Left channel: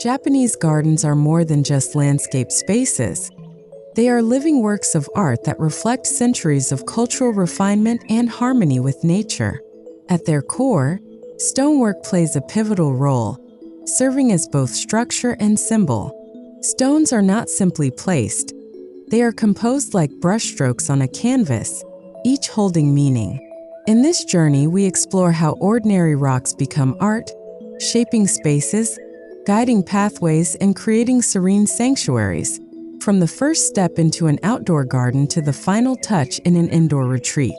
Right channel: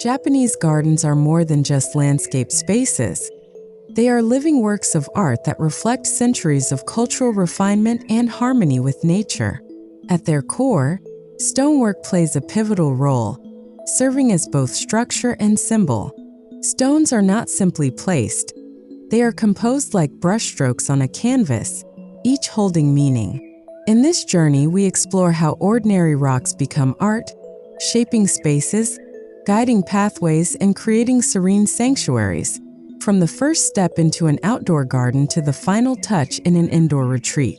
Japanese gardens are more than just landscape spaces. They are living works of art that reflect centuries of cultural refinement and harmony with nature. At their core, stonework plays a pivotal role, serving as both structure and symbol. Stones are not simply placed. They are composed like brushstrokes on a canvas, each holding meaning. In this journey, we explore how ordinary rocks become art, shaping spaces, guiding pathways, and creating serene sanctuaries, from the first step into an outdoor garden to the final touch in an indoor retreat.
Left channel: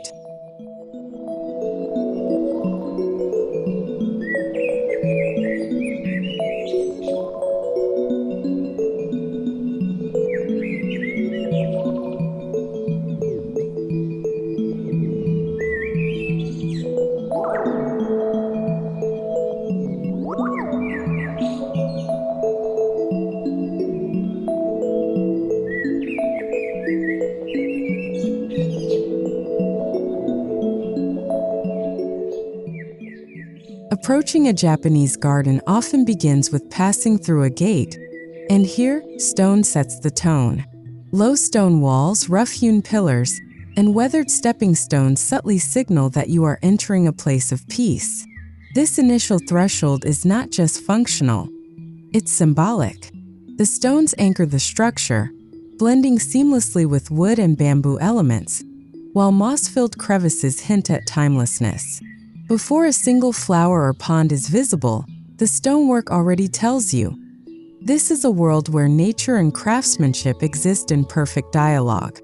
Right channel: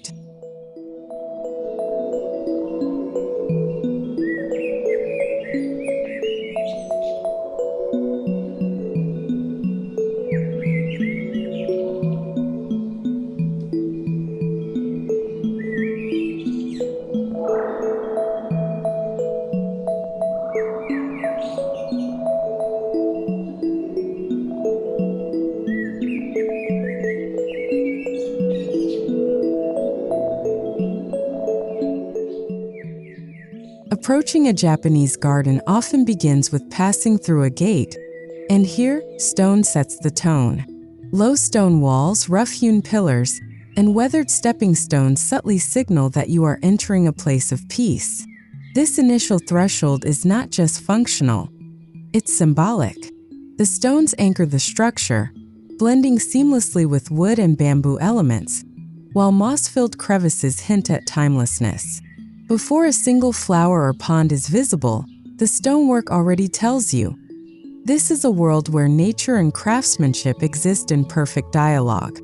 Approaching a Japanese garden often begins with passing through a gate, and here, stone sets the tone. Low stone walls, rough-hewn pillars, and weathered stepping stones subtly signal that you are entering a place of peace. This initial threshold is not just functional, it's symbolic. The stones anchor the structure, blending seamlessly with wood and bamboo elements, while moss-filled crevices hint at timelessness. Before a single flower or pond is visible, the stonework already tells you. This is a world where nature and craftsmanship exist in perfect dialogue.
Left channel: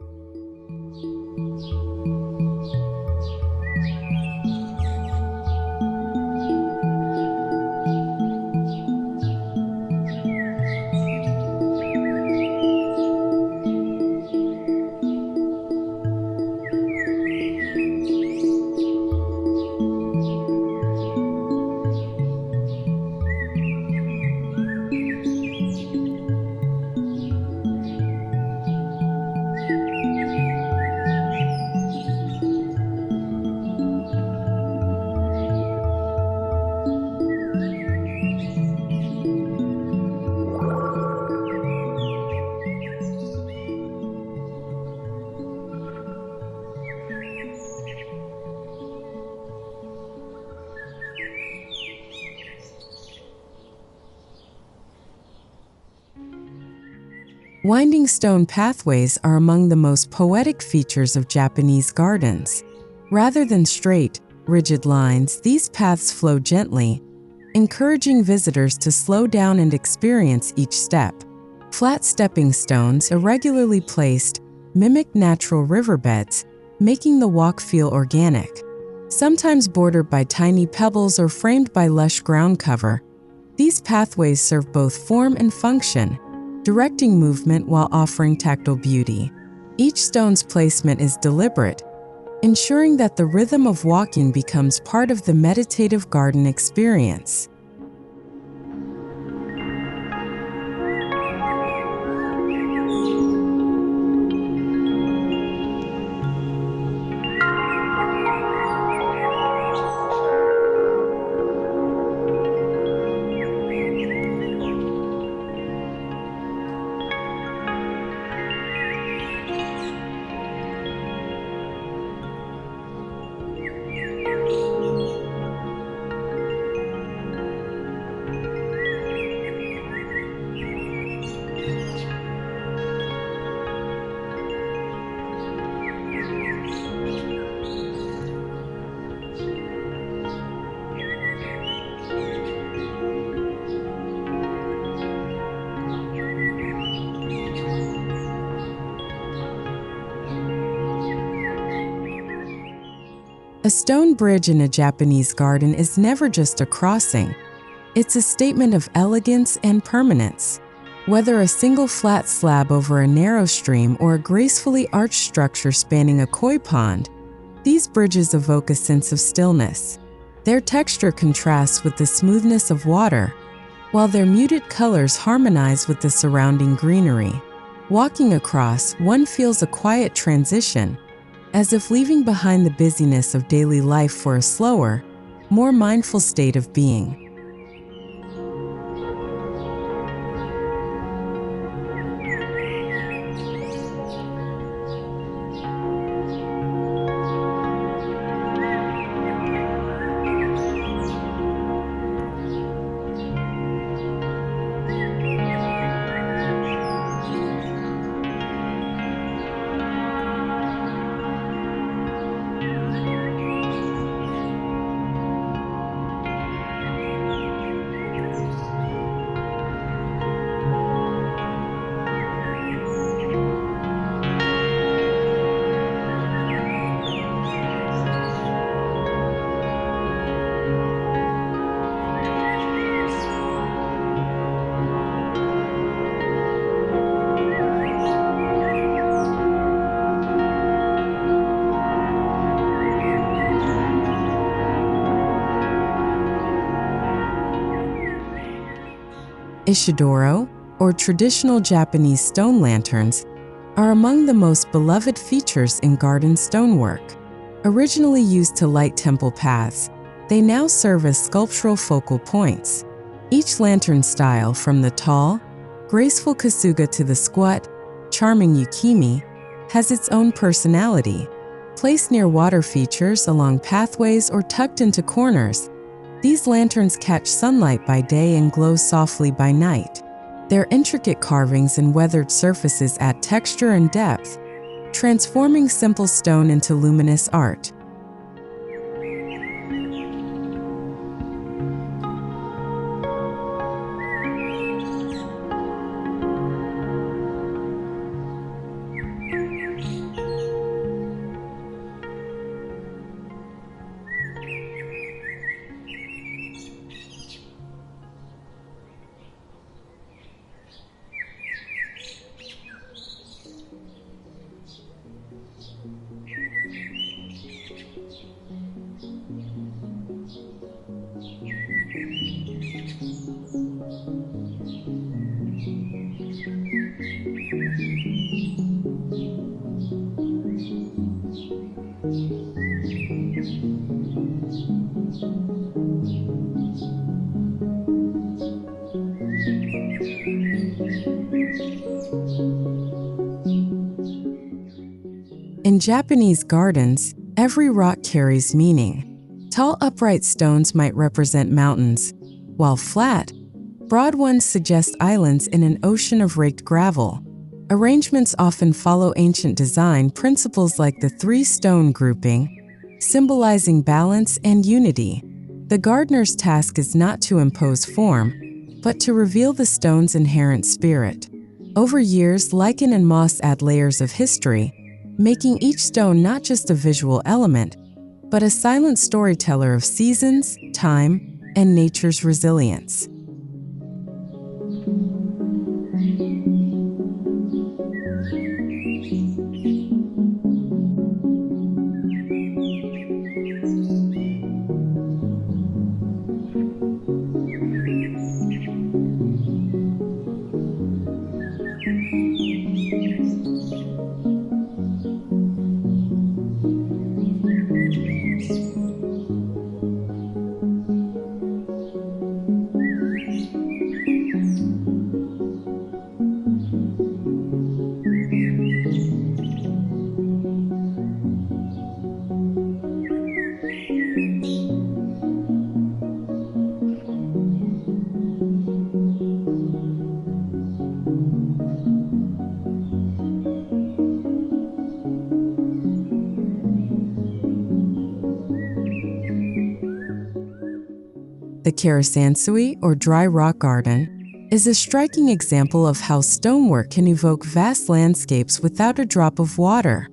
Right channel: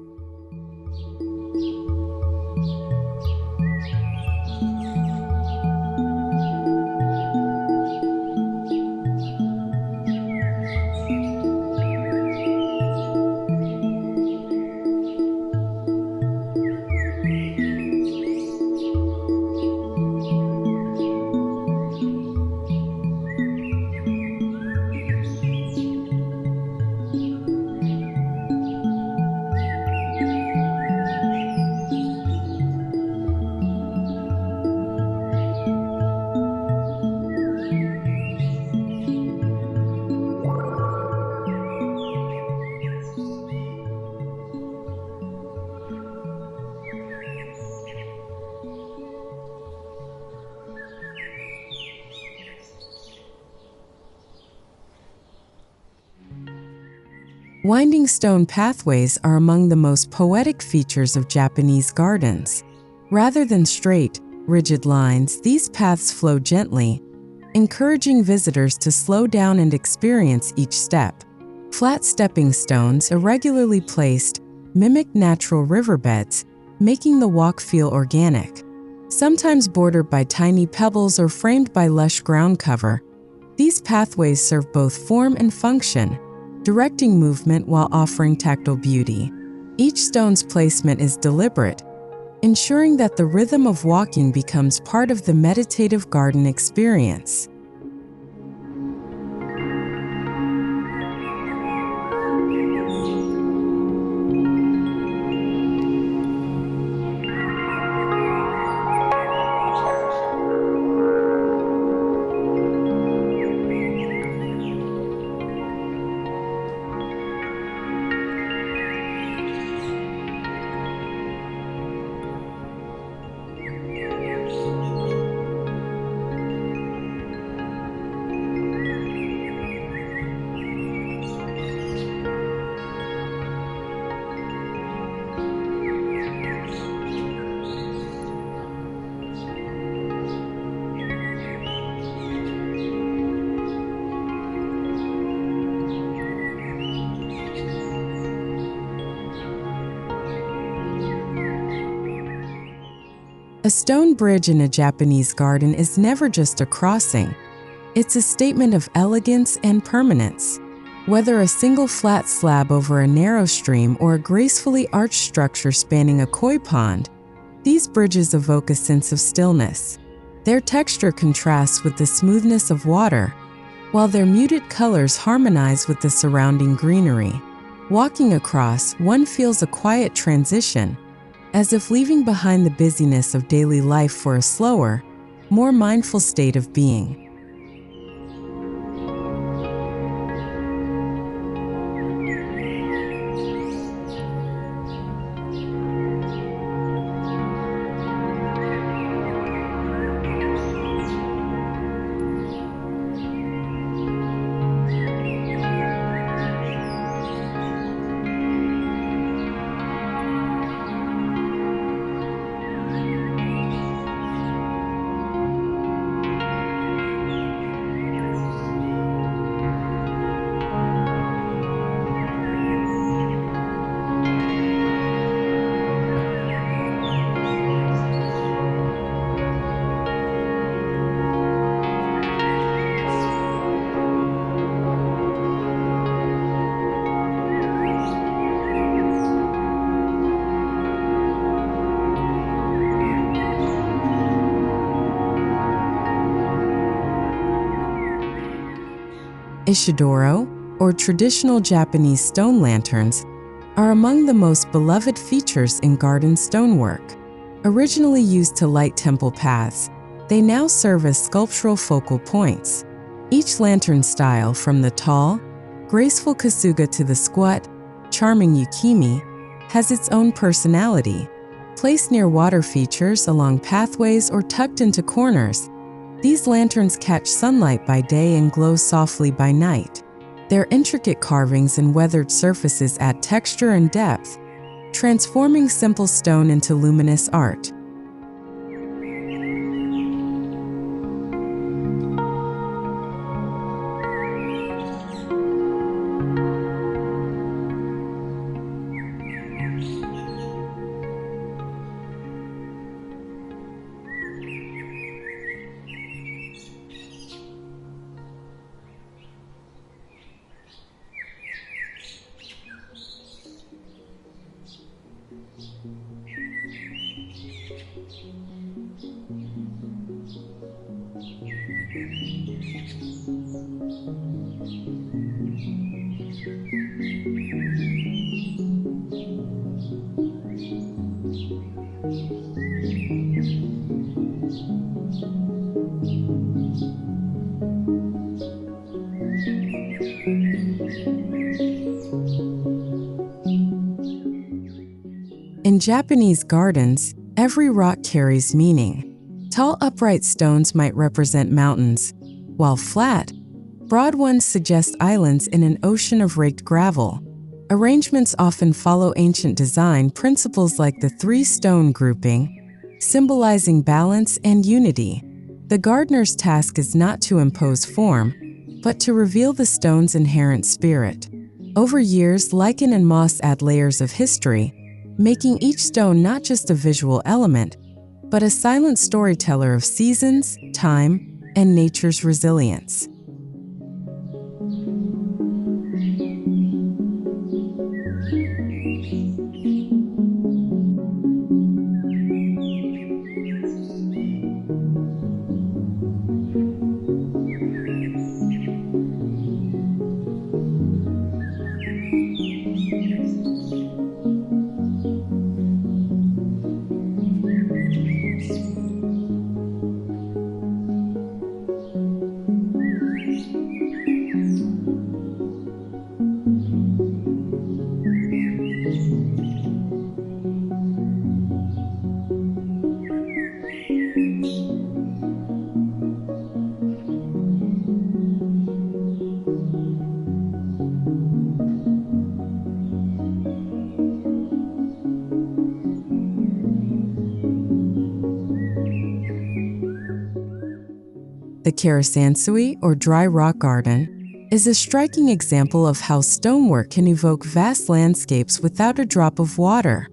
Winding stone pathways are among the most poetic features of Japanese gardens. Rather than straight, rigid lines, these paths flow gently, encouraging visitors to slow down and experience each step. Flat stepping stones, irregularly placed, mimic natural riverbeds, making the walk feel organic. Sometimes bordered by tiny pebbles or framed by lush ground cover, these pathways serve both form and function, directing movement while offering tactile beauty. Each stone's placement is deliberate, ensuring that the rhythm of walking becomes part of the meditative garden experience. A stone bridge in a Japanese garden is never just a crossing. It's a statement of elegance and permanence. Whether a single flat slab over a narrow stream or a gracefully arched structure spanning a koi pond, These bridges evoke a sense of stillness. Their texture contrasts with the smoothness of water, while their muted colors harmonize with the surrounding greenery. Walking across, one feels a quiet transition, as if leaving behind the busyness of daily life for a slower, more mindful state of being. Ishidoro, or traditional Japanese stone lanterns, are among the most beloved features in garden stonework. Originally used to light temple paths, they now serve as sculptural focal points. Each lantern style, from the tall, graceful kasuga to the squat, charming yukimi, has its own personality. Placed near water features, along pathways, or tucked into corners, these lanterns catch sunlight by day and glow softly by night. Their intricate carvings and weathered surfaces add texture and depth, transforming simple stone into luminous art. In Japanese gardens, every rock carries meaning. Tall, upright stones might represent mountains, while flat, broad ones suggest islands in an ocean of raked gravel. Arrangements often follow ancient design principles like the three-stone grouping, symbolizing balance and unity. The gardener's task is not to impose form, but to reveal the stone's inherent spirit. Over years, lichen and moss add layers of history, making each stone not just a visual element, but a silent storyteller of seasons, time, and nature's resilience. The Karasansui, or dry rock garden, is a striking example of how stonework can evoke vast landscapes without a drop of water.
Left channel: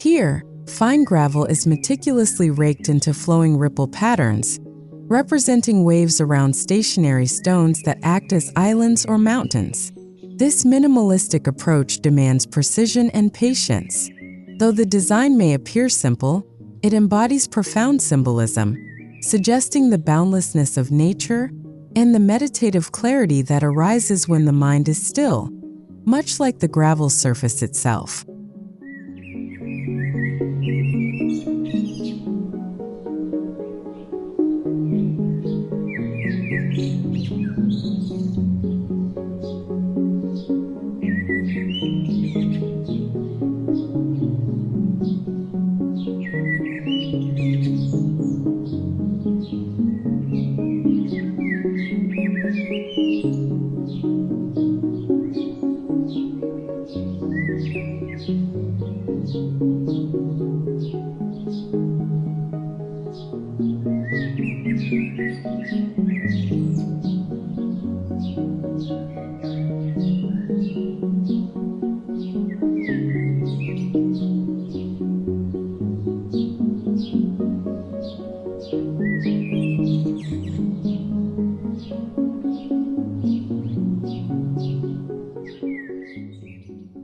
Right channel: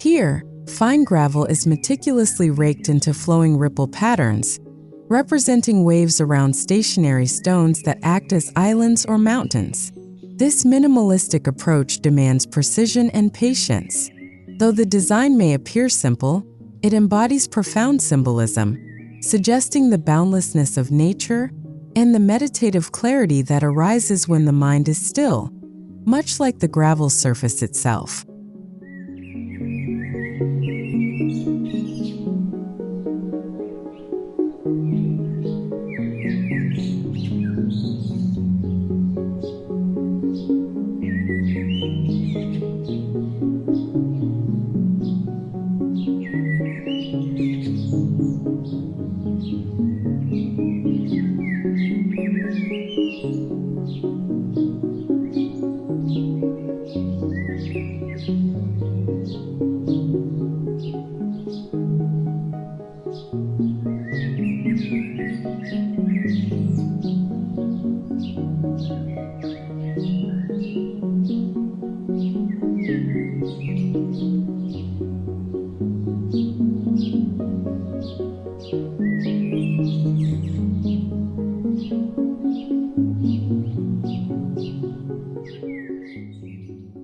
Here, fine gravel is meticulously raked into flowing ripple patterns, representing waves around stationary stones that act as islands or mountains. This minimalistic approach demands precision and patience. Though the design may appear simple, It embodies profound symbolism, suggesting the boundlessness of nature and the meditative clarity that arises when the mind is still, much like the gravel surface itself.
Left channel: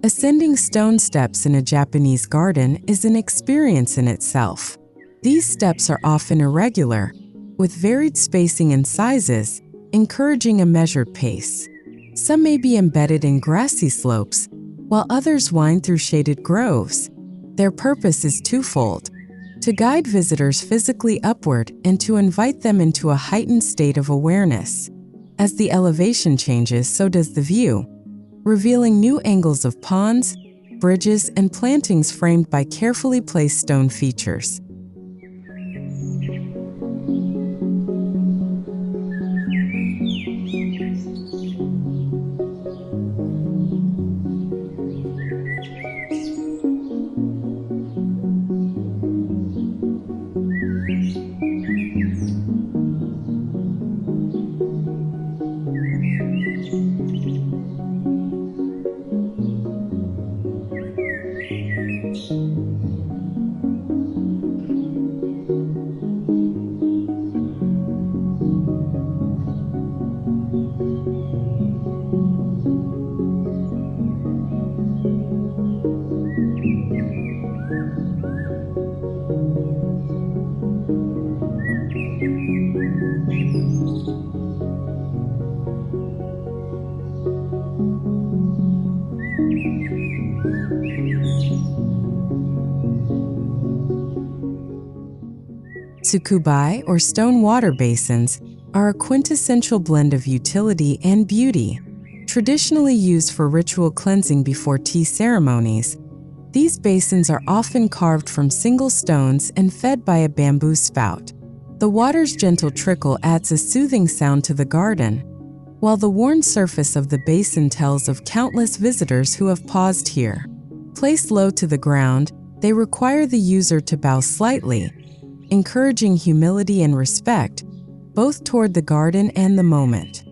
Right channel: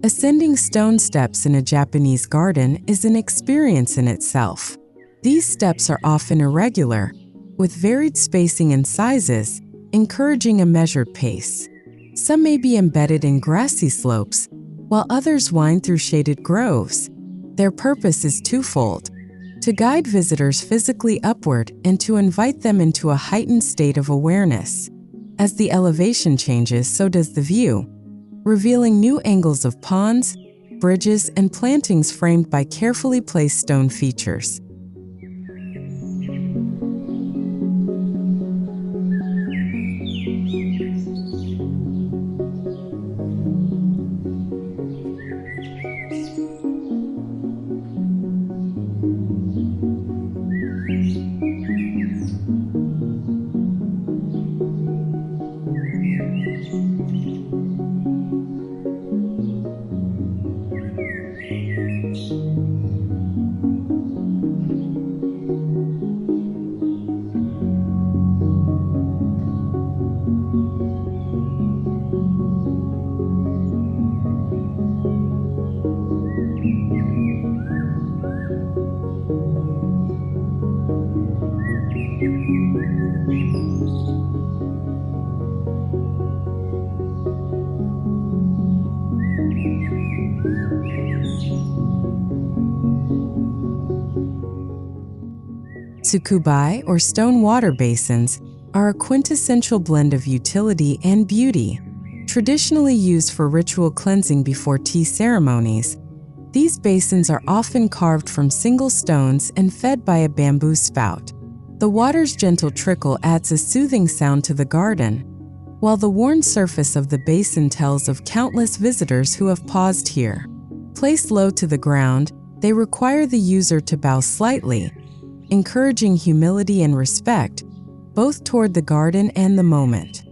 Ascending stone steps in a Japanese garden is an experience in itself. These steps are often irregular, with varied spacing and sizes, encouraging a measured pace. Some may be embedded in grassy slopes, while others wind through shaded groves. Their purpose is twofold: to guide visitors physically upward and to invite them into a heightened state of awareness. As the elevation changes, so does the view, revealing new angles of ponds, bridges, and plantings framed by carefully placed stone features. Tsukubai, or stone water basins, are a quintessential blend of utility and beauty. Traditionally used for ritual cleansing before tea ceremonies, these basins are often carved from single stones and fed by a bamboo spout. The water's gentle trickle adds a soothing sound to the garden, while the worn surface of the basin tells of countless visitors who have paused here. Placed low to the ground, they require the user to bow slightly, encouraging humility and respect, both toward the garden and the moment.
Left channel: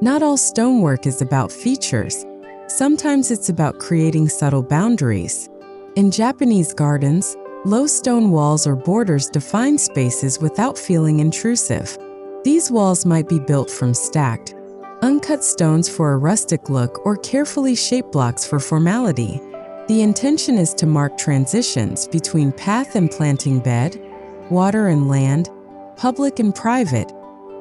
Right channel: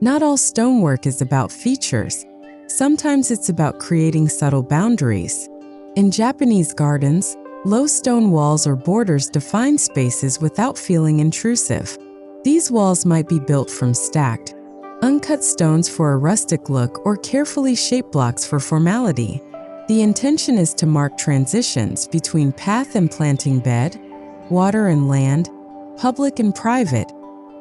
Not all stonework is about features. Sometimes it's about creating subtle boundaries. In Japanese gardens, low stone walls or borders define spaces without feeling intrusive. These walls might be built from stacked, uncut stones for a rustic look or carefully shaped blocks for formality. The intention is to mark transitions between path and planting bed, water and land, public and private,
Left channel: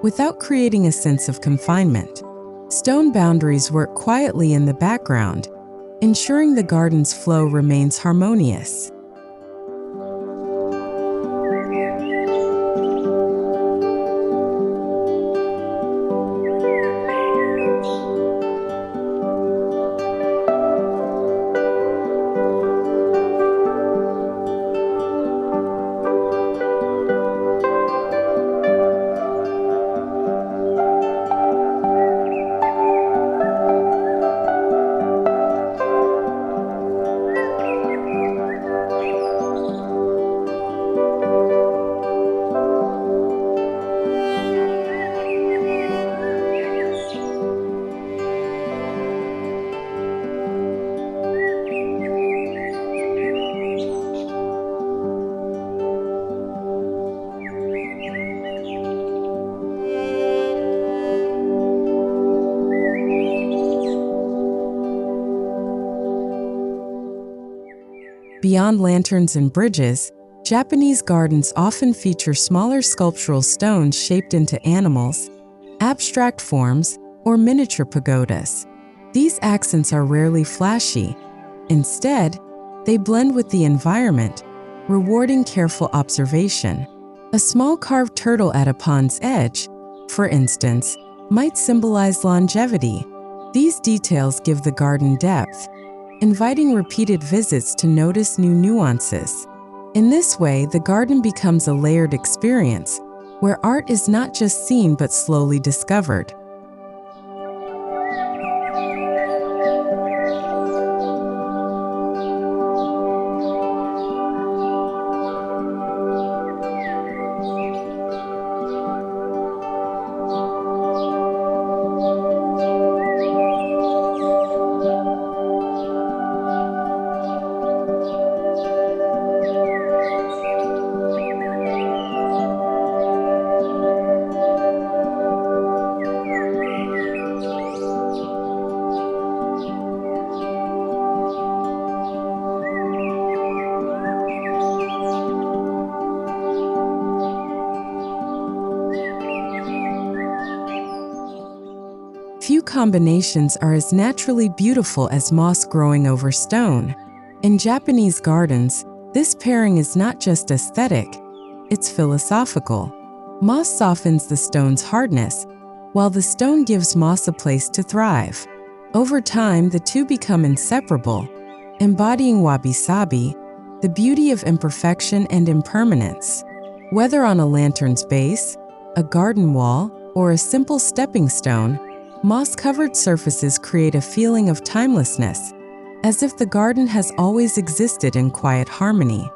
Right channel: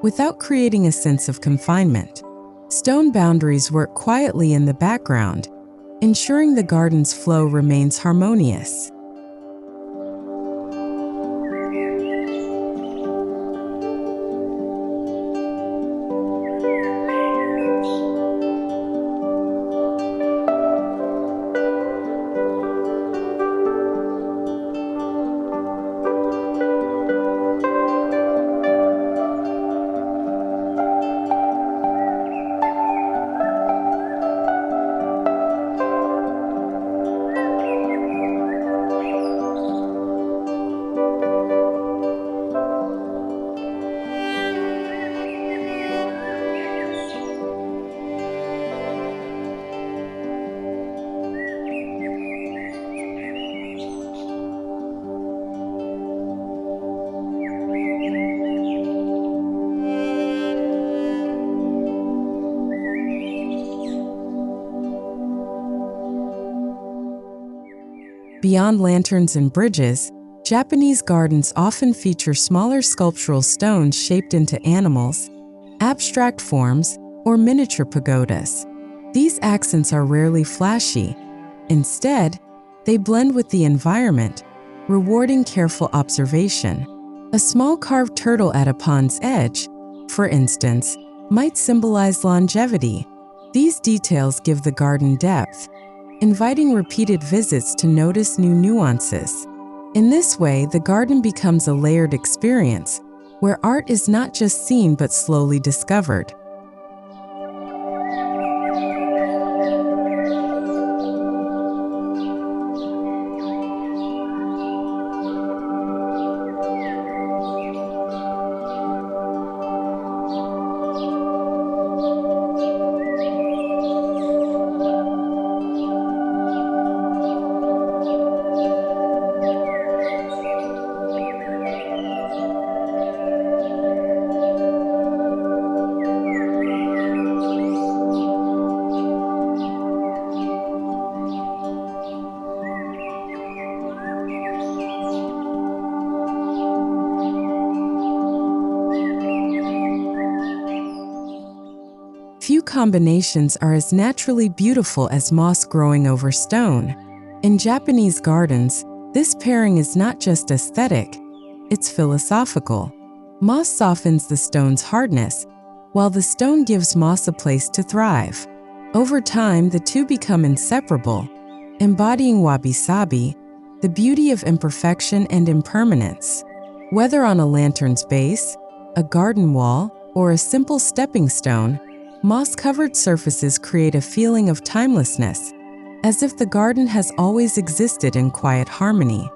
without creating a sense of confinement. Stone boundaries work quietly in the background, ensuring the garden's flow remains harmonious. Beyond lanterns and bridges, Japanese gardens often feature smaller sculptural stones shaped into animals, abstract forms, or miniature pagodas. These accents are rarely flashy. Instead, they blend with the environment, rewarding careful observation. A small carved turtle at a pond's edge, for instance, might symbolize longevity. These details give the garden depth, inviting repeated visits to notice new nuances. In this way, the garden becomes a layered experience, where art is not just seen but slowly discovered. Few combinations are as naturally beautiful as moss growing over stone. In Japanese gardens, this pairing is not just aesthetic, it's philosophical. Moss softens the stone's hardness, while the stone gives moss a place to thrive. Over time, the two become inseparable, embodying wabi-sabi, the beauty of imperfection and impermanence. Whether on a lantern's base, a garden wall, or a simple stepping stone, moss-covered surfaces create a feeling of timelessness, as if the garden has always existed in quiet harmony.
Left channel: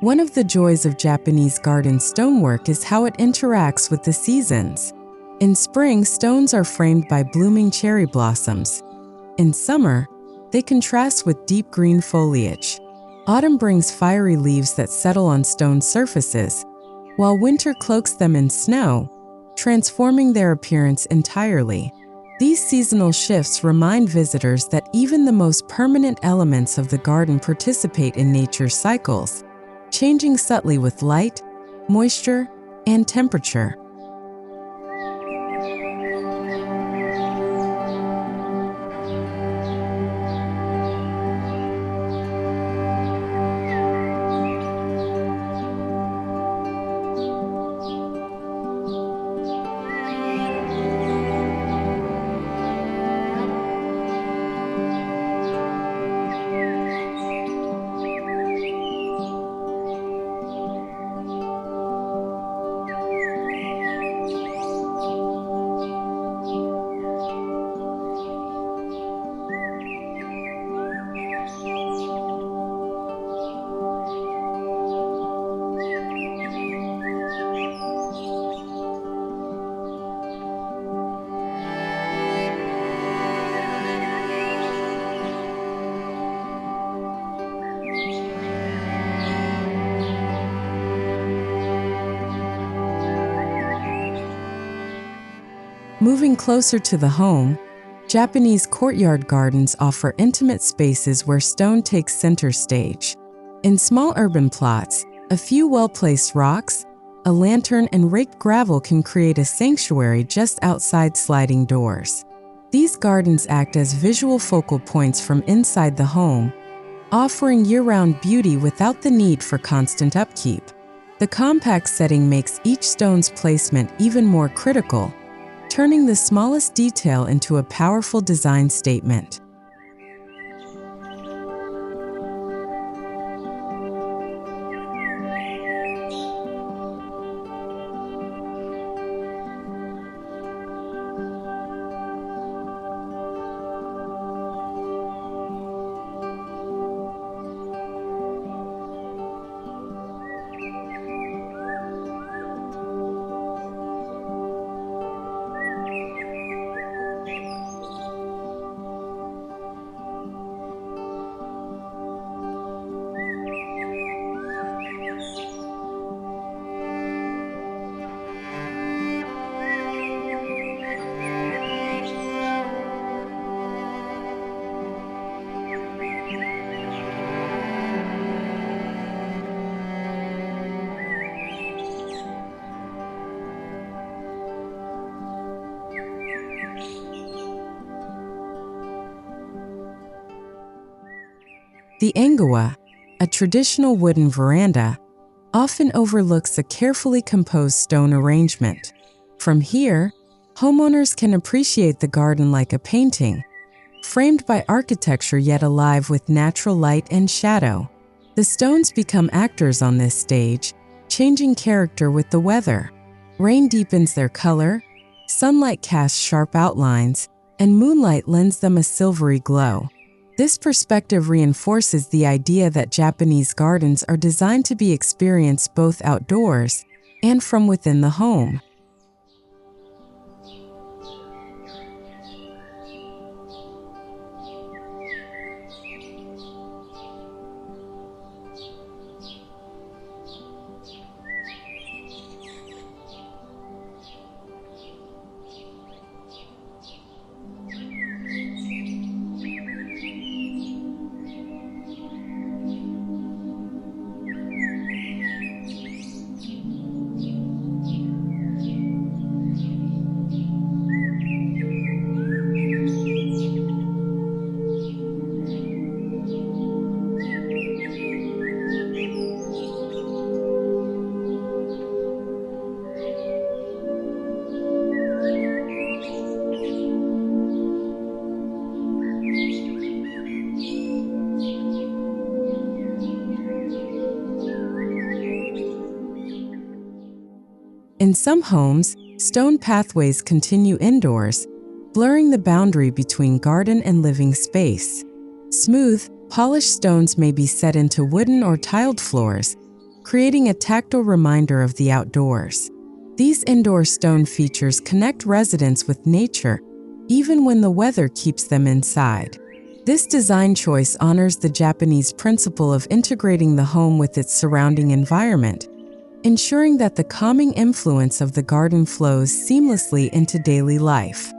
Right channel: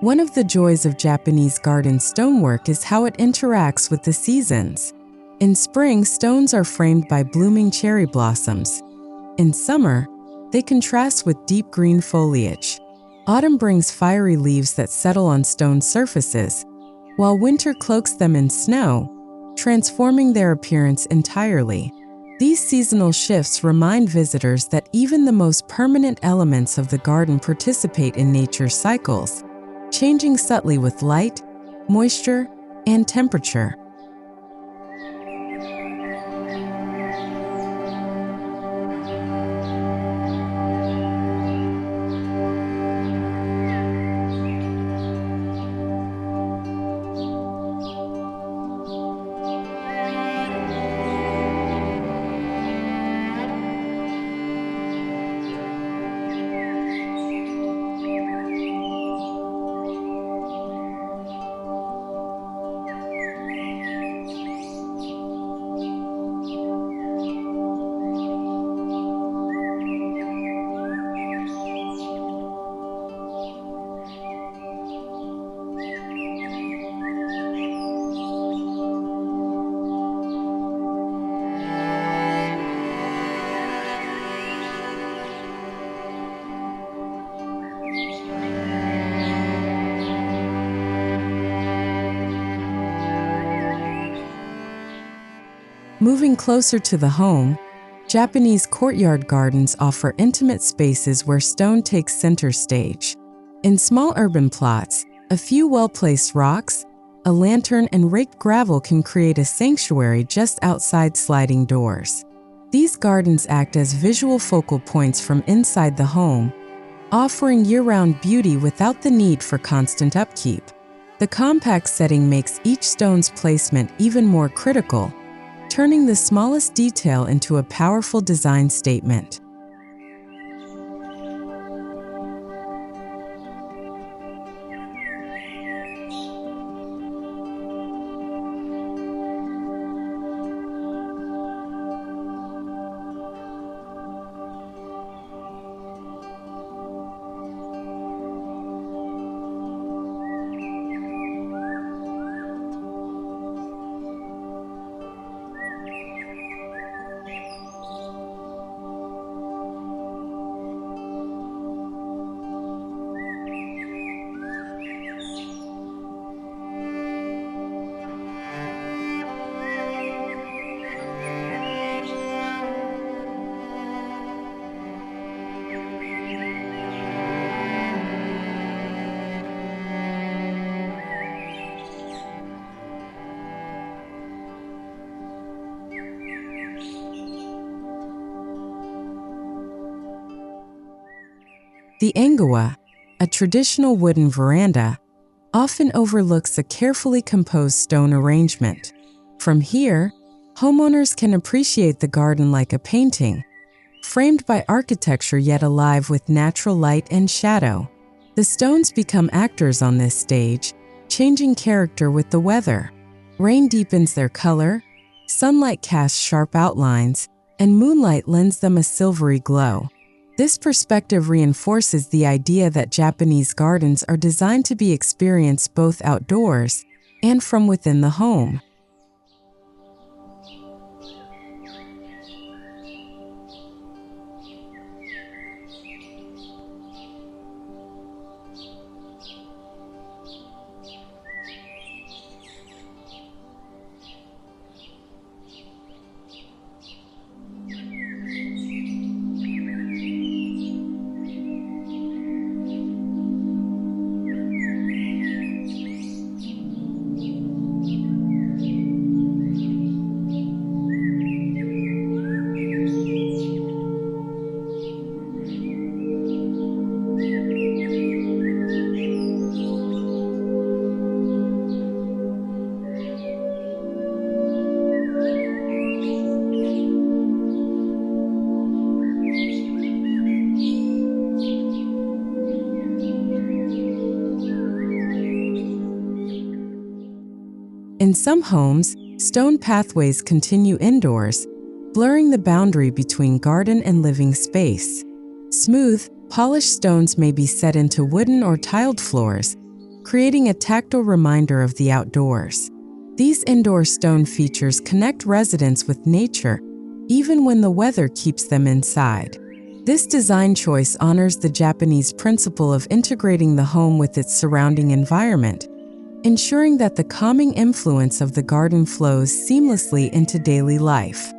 One of the joys of Japanese garden stonework is how it interacts with the seasons. In spring, stones are framed by blooming cherry blossoms. In summer, they contrast with deep green foliage. Autumn brings fiery leaves that settle on stone surfaces, while winter cloaks them in snow, transforming their appearance entirely. These seasonal shifts remind visitors that even the most permanent elements of the garden participate in nature's cycles, changing subtly with light, moisture, and temperature. Moving closer to the home, Japanese courtyard gardens offer intimate spaces where stone takes center stage. In small urban plots, a few well-placed rocks, a lantern, and raked gravel can create a sanctuary just outside sliding doors. These gardens act as visual focal points from inside the home, offering year-round beauty without the need for constant upkeep. The compact setting makes each stone's placement even more critical, turning the smallest detail into a powerful design statement. The Engawa, a traditional wooden veranda, often overlooks a carefully composed stone arrangement. From here, homeowners can appreciate the garden like a painting, framed by architecture yet alive with natural light and shadow. The stones become actors on this stage, changing character with the weather. Rain deepens their color, sunlight casts sharp outlines, and moonlight lends them a silvery glow. This perspective reinforces the idea that Japanese gardens are designed to be experienced both outdoors and from within the home. In some homes, stone pathways continue indoors, blurring the boundary between garden and living space. Smooth, polished stones may be set into wooden or tiled floors, creating a tactile reminder of the outdoors. These indoor stone features connect residents with nature, even when the weather keeps them inside. This design choice honors the Japanese principle of integrating the home with its surrounding environment, ensuring that the calming influence of the garden flows seamlessly into daily life.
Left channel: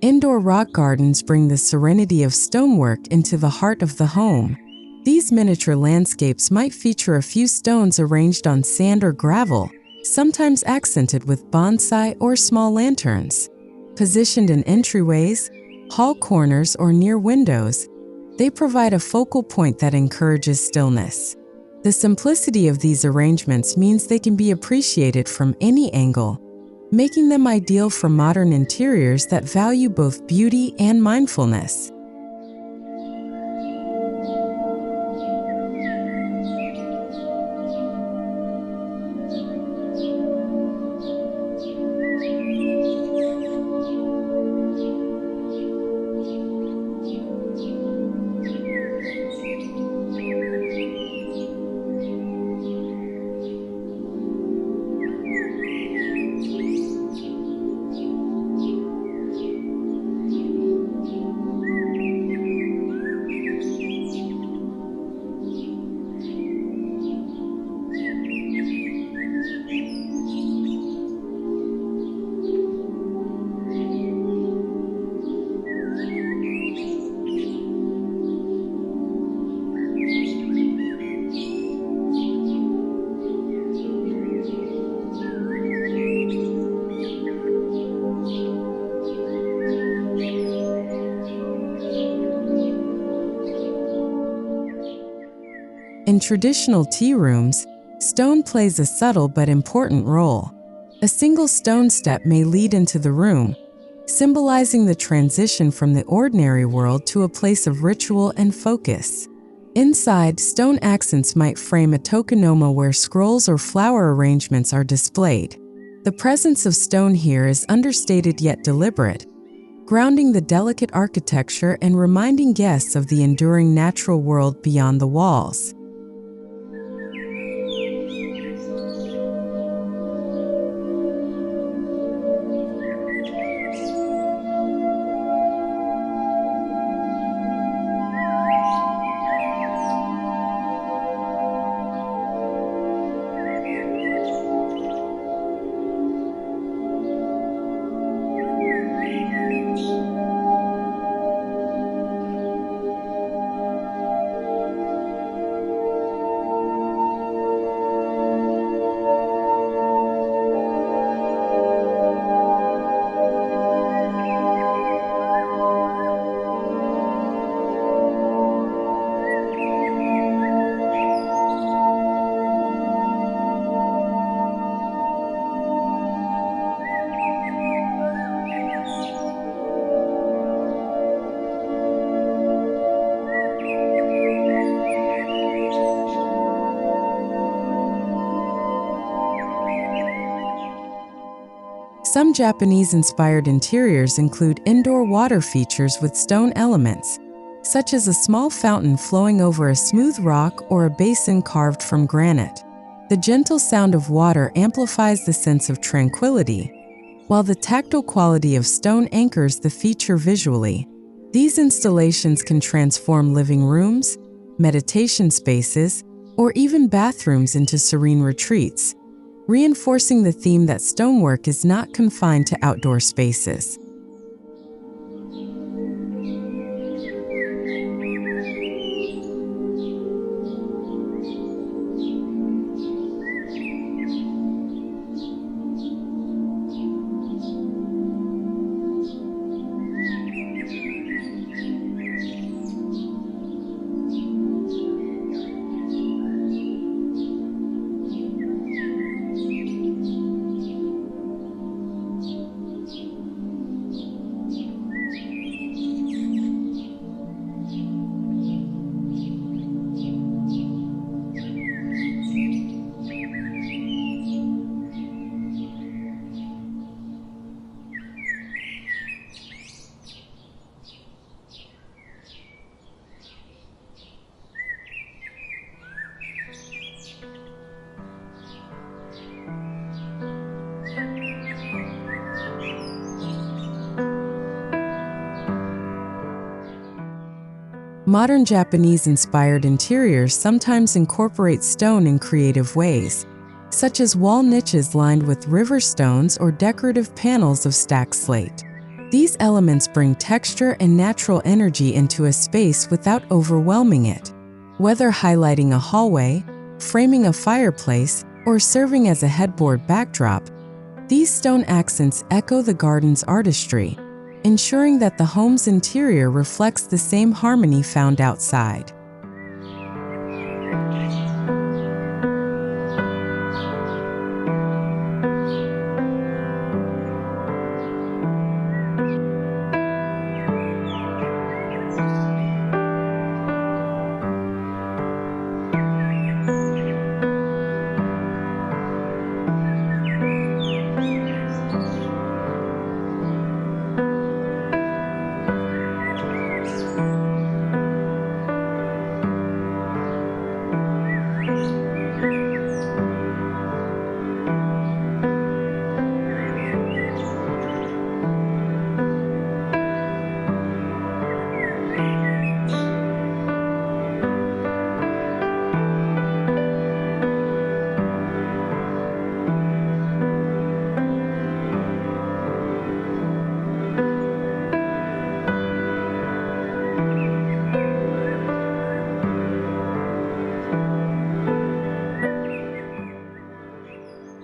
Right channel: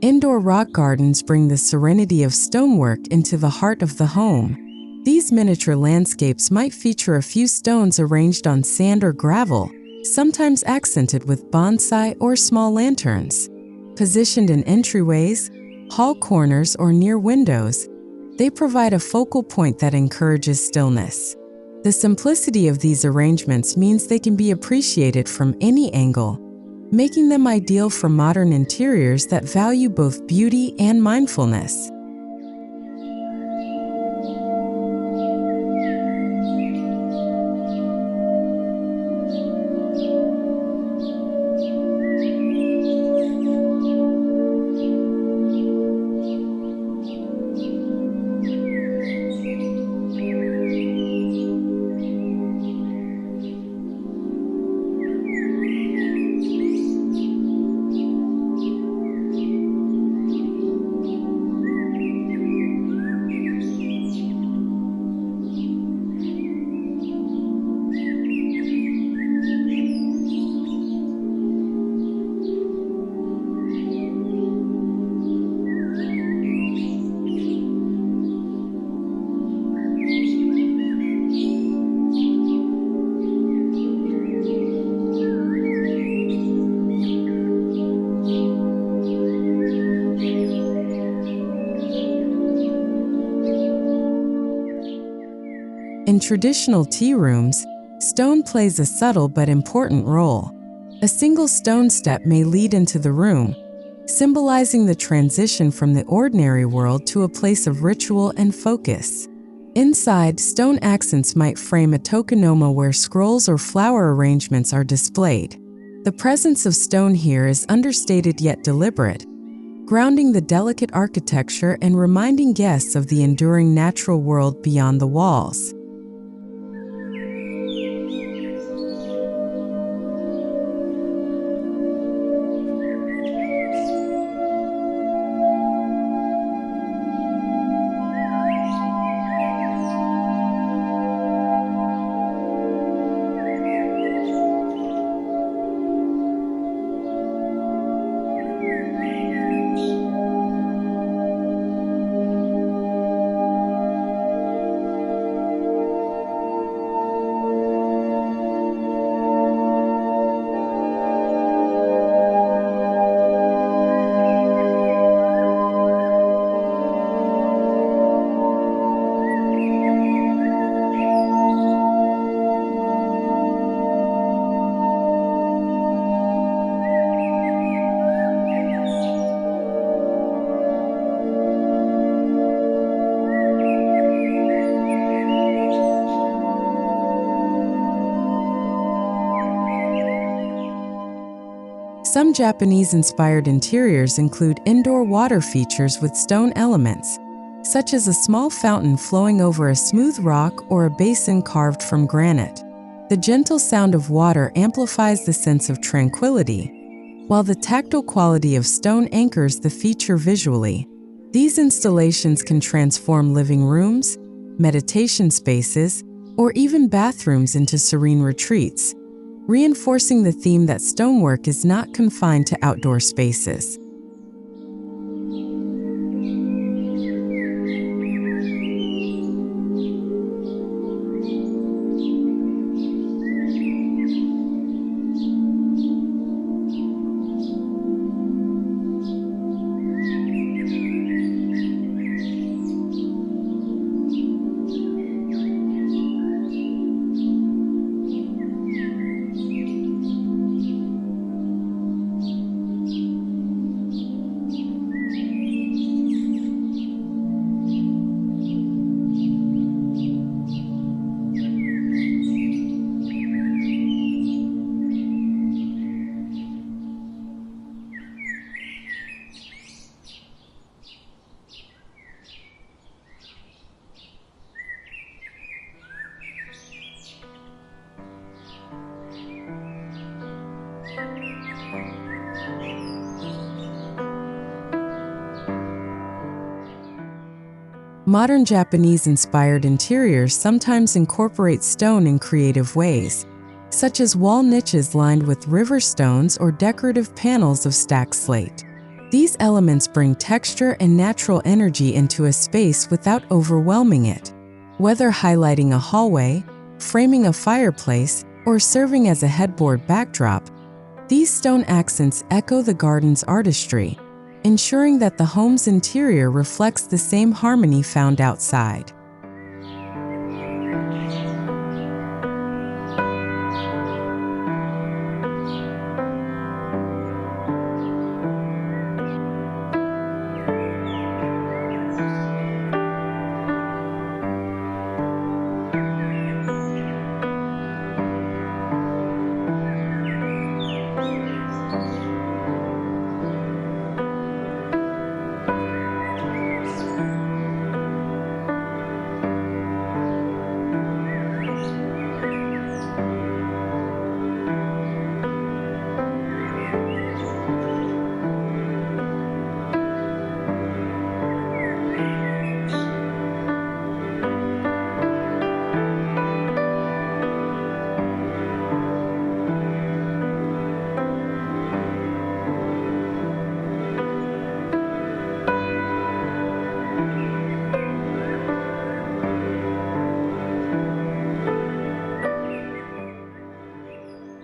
Indoor rock gardens bring the serenity of stonework into the heart of the home. These miniature landscapes might feature a few stones arranged on sand or gravel, sometimes accented with bonsai or small lanterns. Positioned in entryways, hall corners, or near windows, they provide a focal point that encourages stillness. The simplicity of these arrangements means they can be appreciated from any angle, making them ideal for modern interiors that value both beauty and mindfulness. In traditional tea rooms, stone plays a subtle but important role. A single stone step may lead into the room, symbolizing the transition from the ordinary world to a place of ritual and focus. Inside, stone accents might frame a tokonoma where scrolls or flower arrangements are displayed. The presence of stone here is understated yet deliberate, grounding the delicate architecture and reminding guests of the enduring natural world beyond the walls. Some Japanese-inspired interiors include indoor water features with stone elements, such as a small fountain flowing over a smooth rock or a basin carved from granite. The gentle sound of water amplifies the sense of tranquility, while the tactile quality of stone anchors the feature visually. These installations can transform living rooms, meditation spaces, or even bathrooms into serene retreats, reinforcing the theme that stonework is not confined to outdoor spaces. Modern Japanese-inspired interiors sometimes incorporate stone in creative ways, such as wall niches lined with river stones or decorative panels of stacked slate. These elements bring texture and natural energy into a space without overwhelming it. Whether highlighting a hallway, framing a fireplace, or serving as a headboard backdrop, these stone accents echo the garden's artistry, ensuring that the home's interior reflects the same harmony found outside.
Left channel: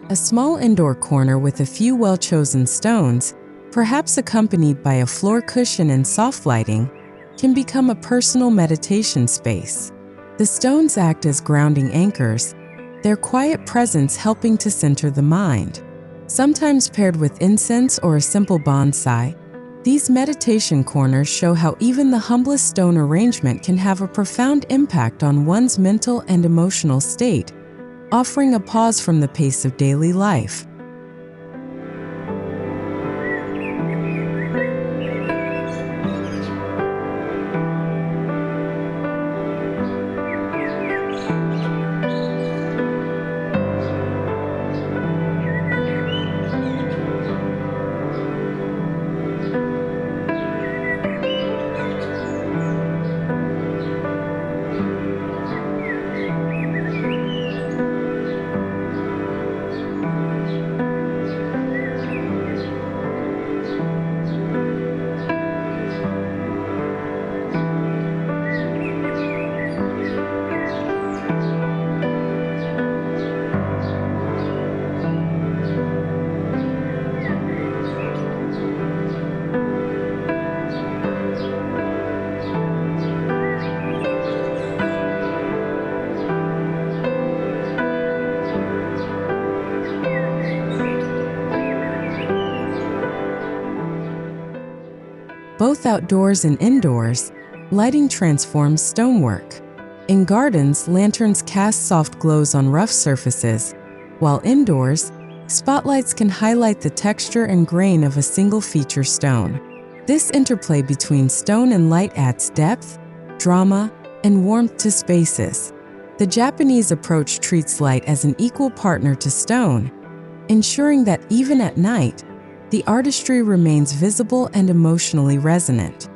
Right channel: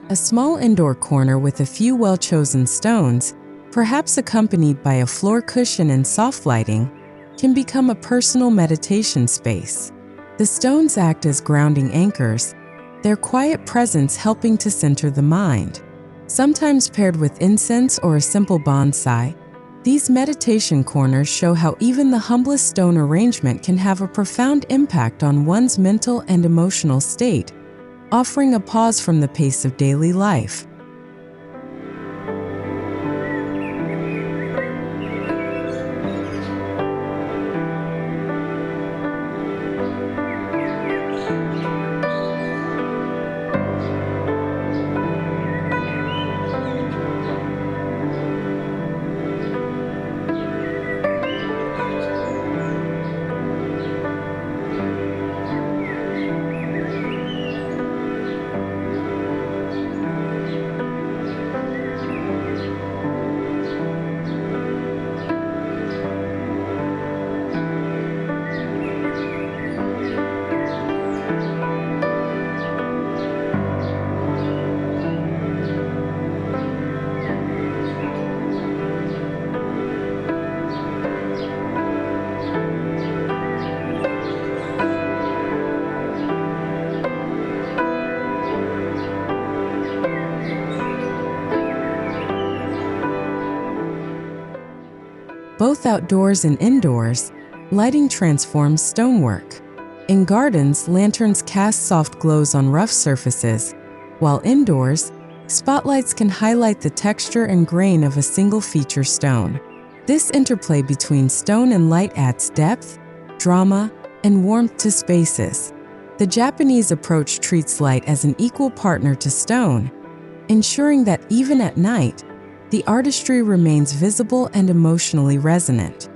A small indoor corner with a few well-chosen stones, perhaps accompanied by a floor cushion and soft lighting, can become a personal meditation space. The stones act as grounding anchors, their quiet presence helping to center the mind. Sometimes paired with incense or a simple bonsai, these meditation corners show how even the humblest stone arrangement can have a profound impact on one's mental and emotional state, offering a pause from the pace of daily life. Both outdoors and indoors, lighting transforms stonework. In gardens, lanterns cast soft glows on rough surfaces, while indoors, spotlights can highlight the texture and grain of a single feature stone. This interplay between stone and light adds depth, drama, and warmth to spaces. The Japanese approach treats light as an equal partner to stone, ensuring that even at night, the artistry remains visible and emotionally resonant.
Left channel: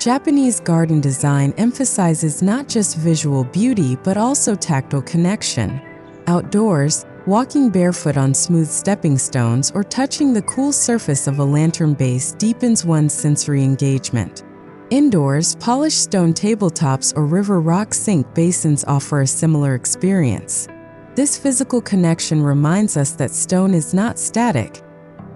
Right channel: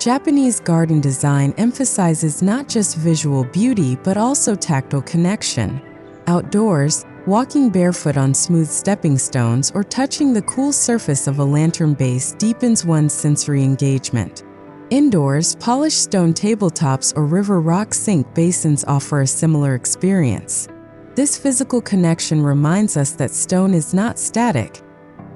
Japanese garden design emphasizes not just visual beauty but also tactile connection. Outdoors, walking barefoot on smooth stepping stones or touching the cool surface of a lantern base deepens one's sensory engagement. Indoors, polished stone tabletops or river rock sink basins offer a similar experience. This physical connection reminds us that stone is not static.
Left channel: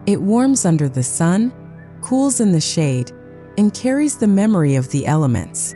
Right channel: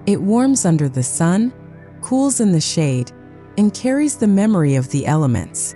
It warms under the sun, cools in the shade, and carries the memory of the elements.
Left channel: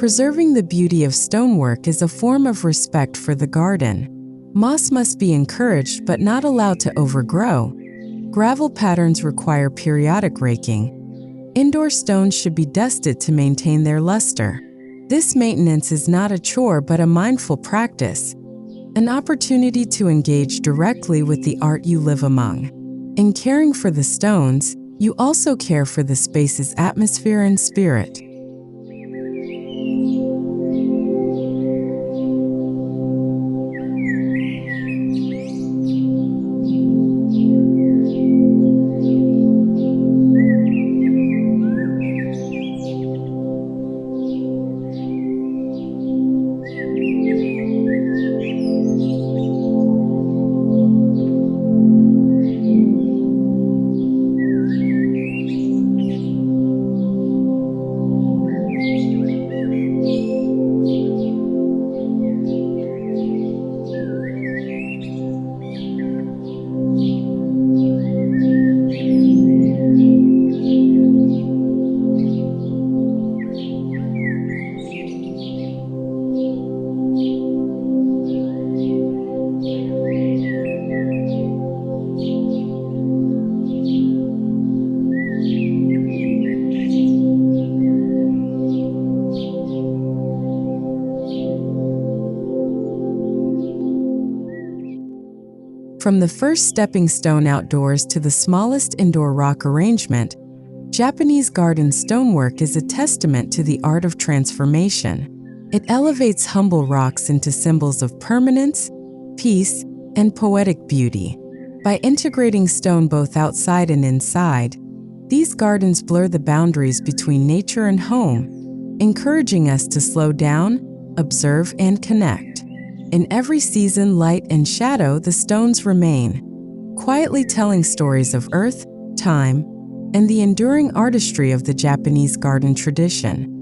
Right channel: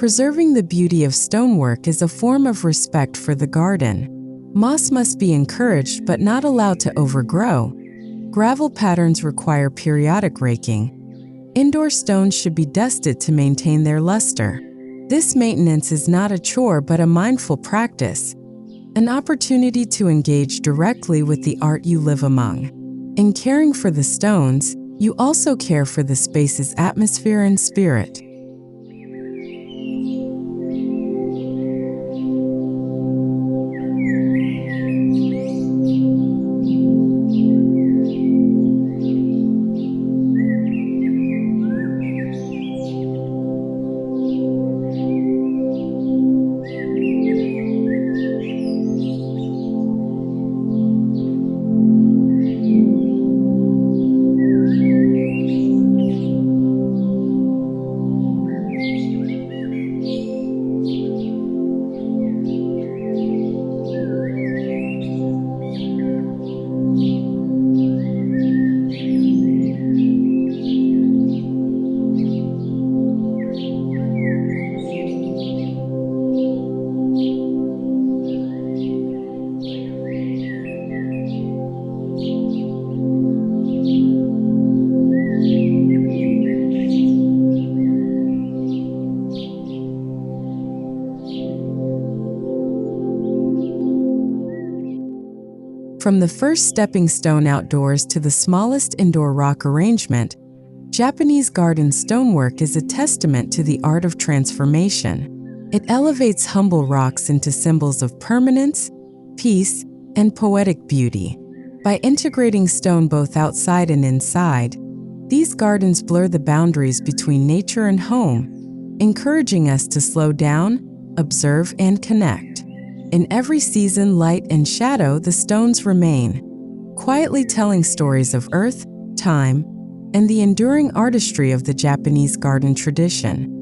Preserving the beauty of stonework is a form of respect for the garden. Moss must be encouraged but not allowed to overgrow. Gravel patterns require periodic raking. Indoor stones should be dusted to maintain their luster. This maintenance is not a chore but a mindful practice, an opportunity to engage directly with the art you live among. In caring for the stones, you also care for the space's atmosphere and spirit. From the first stepping stone outdoors to the smallest indoor rock arrangement, Japanese garden stonework is a testament to the art of transformation. It elevates humble rocks into symbols of permanence, peace, and poetic beauty. By integrating stone both outside and inside, these gardens blur the boundaries between nature and home, encouraging us to slow down, observe, and connect. In every season, light and shadow, the stones remain, quietly telling stories of earth, time, and the enduring artistry of the Japanese garden tradition.